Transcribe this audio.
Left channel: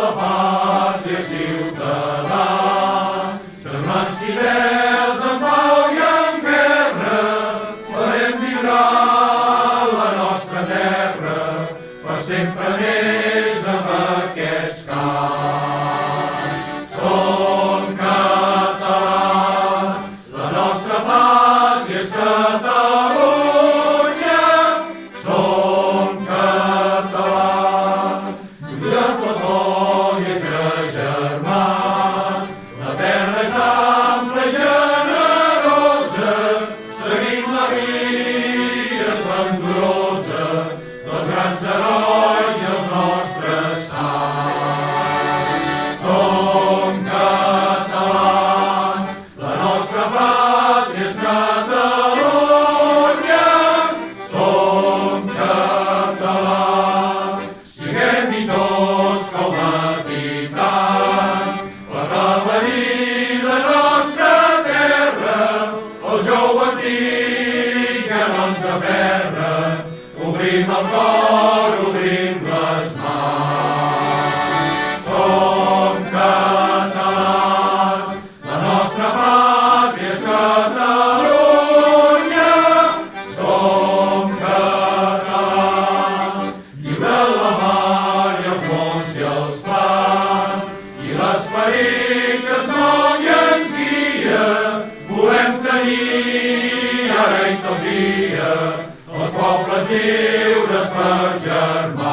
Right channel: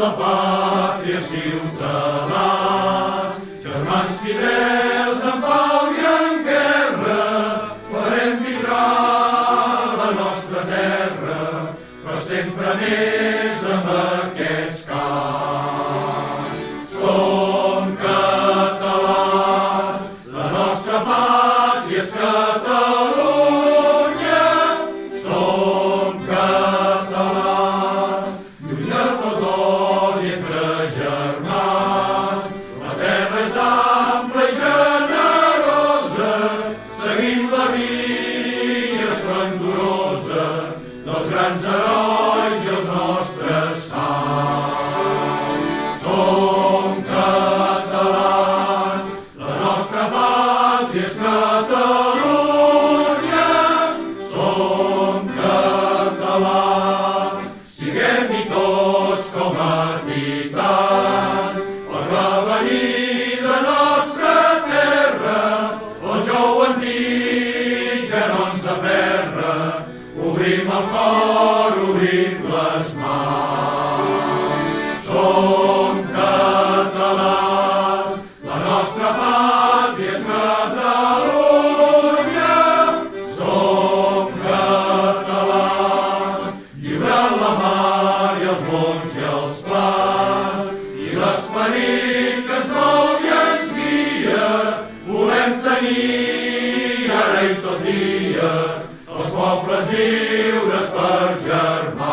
la pàtria ciutadà, germans fidels en pau i en guerra, farem vibrar la nostra terra, per sempre més amb aquests cants. Som catalans, la nostra pàtria és Catalunya. Som catalans, lluny de tot l'odi entre germans. La terra és ampla i generosa, seguim la via esplendorosa dels grans herois i els nostres sants. Som catalans, la nostra pàtria és Catalunya. Som catalans, siguem-hi tots com a titans, per prevenir la nostra terra, el jou antic ja no ens aferra. Obrim el cor, obrim les mans. Som catalans, la nostra pàtria és Catalunya. Som catalans, lliure la mar i els mons i els plans, i l'esperit que ens mou i ens guia, volem tenir ara i tot dia els pobles lliures per germans.